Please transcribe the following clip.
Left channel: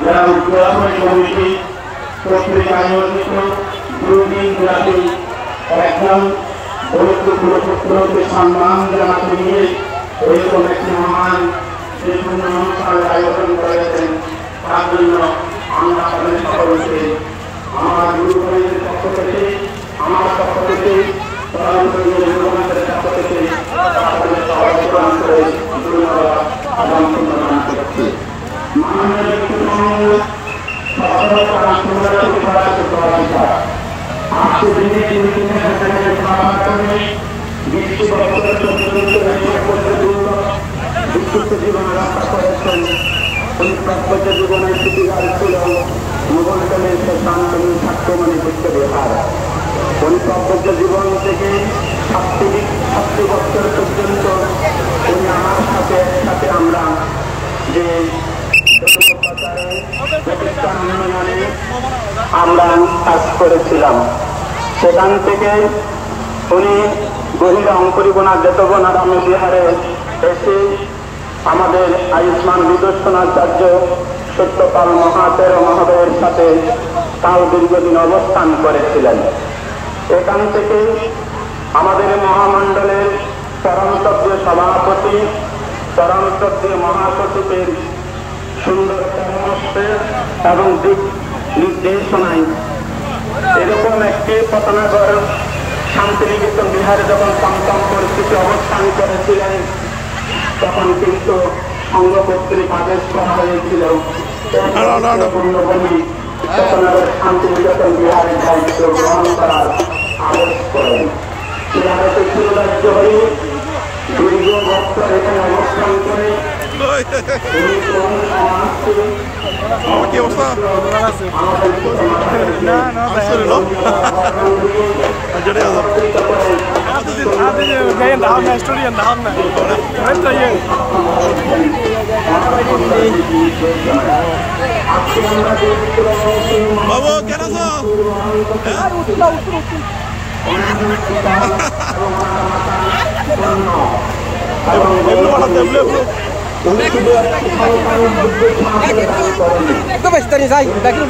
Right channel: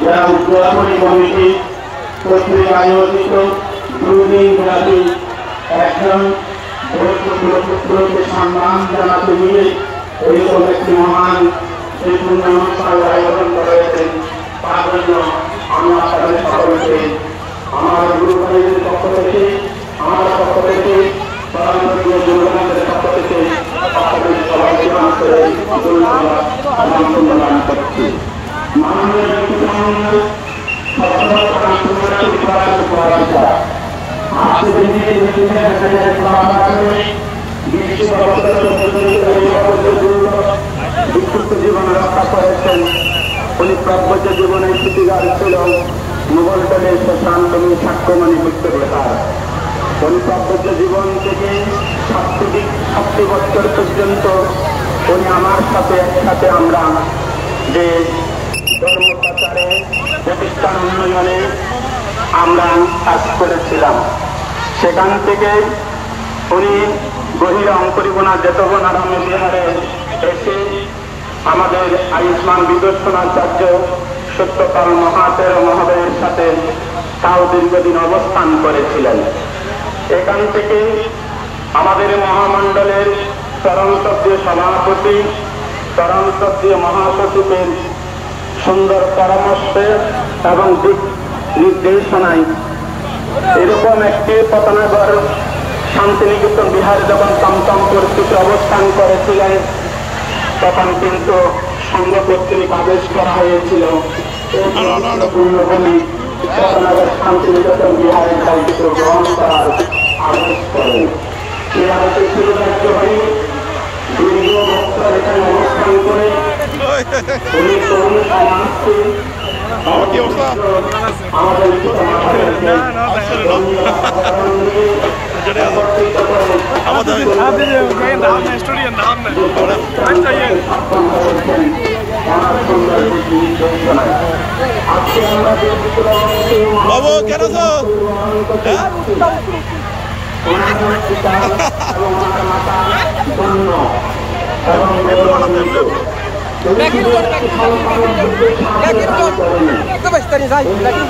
গ্রাম ঘোরাঘুরি কমিটি কর্তৃক আয়োজিত 2 দিন ব্যাপী একজন গুরুত্বপূর্ণ পুত্রকে সম্মান জানাতে নিয়ে এরকম একটি মহান বিভিন্ন অনুষ্ঠানের আয়োজন করেছেন। তার জন্য আমি আপনাদের সকলকে আমার গুরু ভাইদের পক্ষ থেকে, আমার পক্ষ থেকে, পরবর্তী যুবকদের পক্ষ থেকে আপনাদের সবাইকে আন্তরিক ধন্যবাদ এবং সম্মান করছি। মাননীয় বিশ্বসংঘ স্বচ্ছতা সংগঠন উপাচার্য পরাজিতা আজকে দিনে কিন্তু সেখানে পাওয়ার পরে বিশ্ব বছরে পর্যন্ত বিক্ষুব্ধ জীবন রক্ষা করেছেন। উনি প্রব্রজ জীবনের সুবিধার ছিল মুঘলতলের শ্মশান ভূমি সাক্ষ্যমণি বুদ্ধ বিহার। উনি প্রব্রজ জীবন থেকে 7 বছর পর্যন্ত উনি আমার সাথে একসাথে আমরা যে ধর্ম প্রচারে প্রতিষ্ঠান উন্নয়নে আমরা কাজ করেছিলাম। সেখান থেকে উনি গভীর অঙ্কুরিবনা যেতবনা রামে বিহারে এসে আমাদের আয়ুষ্মান বিদর্শনাচার্য সত্যপাল মহাতের মহোদয়ের সাথে তাও দীর্ঘদিন অবস্থান করেছিলেন। এখান থেকে আমাদের মহামণ্ডলের পরমতত্ত্বীয় সভাপতি, পরমতত্ত্বীয় মহাসচিবের সুন্দর পরামর্শ এবং দিক নির্দেশনায় এরকম একটি পতনাগর শান্তিনিকেতন বিহারে যখন চমচম পরিস্থিতি অবস্থান করেছিলেন, তখন কিন্তু সংঘ কর্তৃক আদেশ করা হয়েছিল শান্তিনিকেতন বিহারে দায়িত্ব গ্রহণ করার আদেশ করেন। সেই আদেশে সুবিধার্য হয়ে দীর্ঘ বছর এখানে অবস্থান করে উনি তরুণ সমাজকে কি অবস্থা? বাবু কেন আছো? Yakin,